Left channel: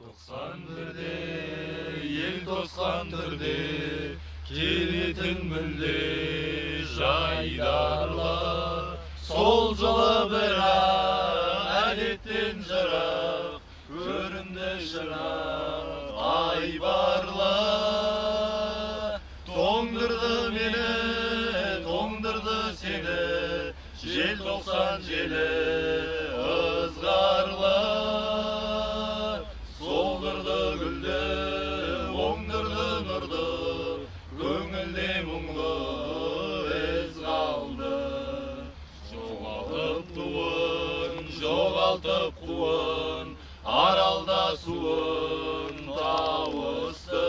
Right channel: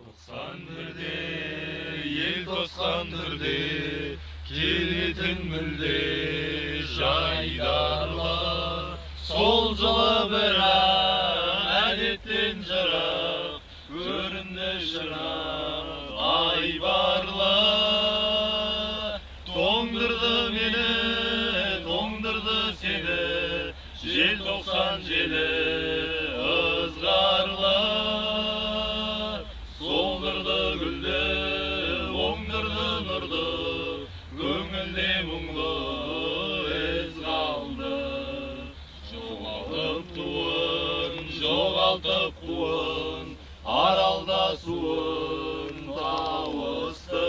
91'de, ел 91'de, келетін мүлде жайдарлар. Сол жылы бірақ, әдеттен жырақ, көрімді шырақ, айбарлар. Тоңдырды мені, тоңдырды сені, желтоқсан желі ызғарлар. Солдырды гүлді, оңдырды нұрды, көңілде мұңлы із қалды. Жоғалтып туын, жоғалтып қуын, аралда суын тауысты.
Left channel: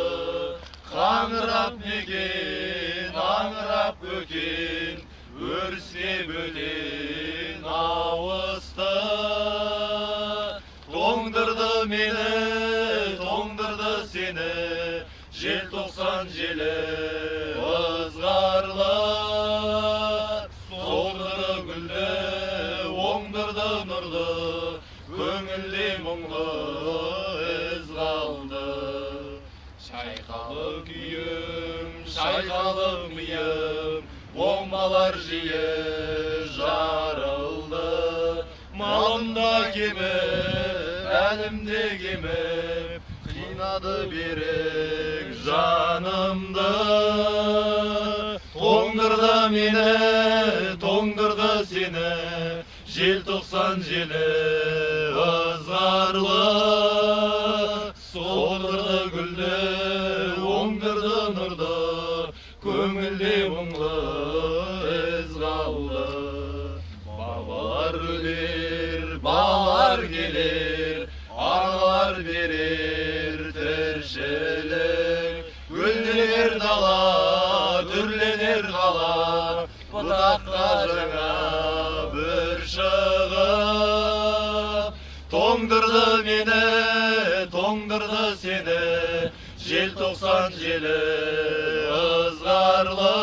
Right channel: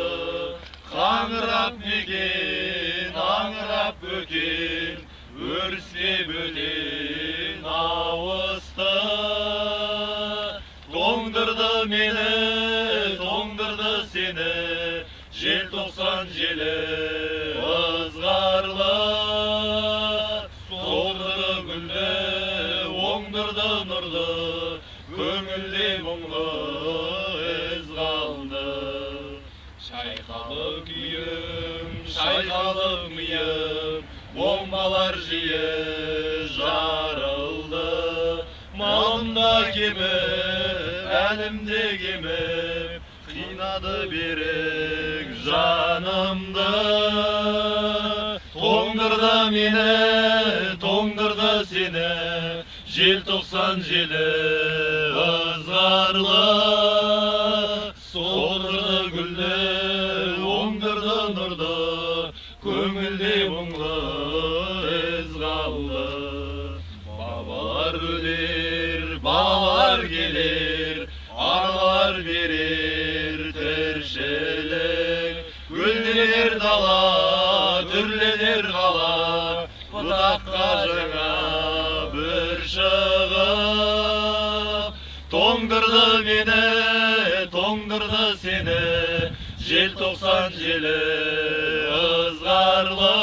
Қаңырап мекен, аңырап бөкен, өріске бөтен ауысты. Тоңдырды мені, тоңдырды сені, желтоқсан желі ызғарлы. Солдырды гүлді, оңдырды нұрды, көңілде мұңлы із қалды. Шайқалы күйім, шайқалы миым, бомбалар жиі жарылды. Малымда кеміп, әлімде кеміп, қинады берік жанымды. Тоңдырды мені, тоңдырды сені, желтоқсан желі ызғарлы. Солдырды гүлді, оңдырды нұрды, көңілде мұңлы із қалды. Бабалар өлер, балалар келер, аналар берер тіршілік. Гүлденер дала, түрленер қала, бұтаққа жаңа бір шығып. Тоңдырды мені, тоңдырды сені, желтоқсан желі ызғарлы.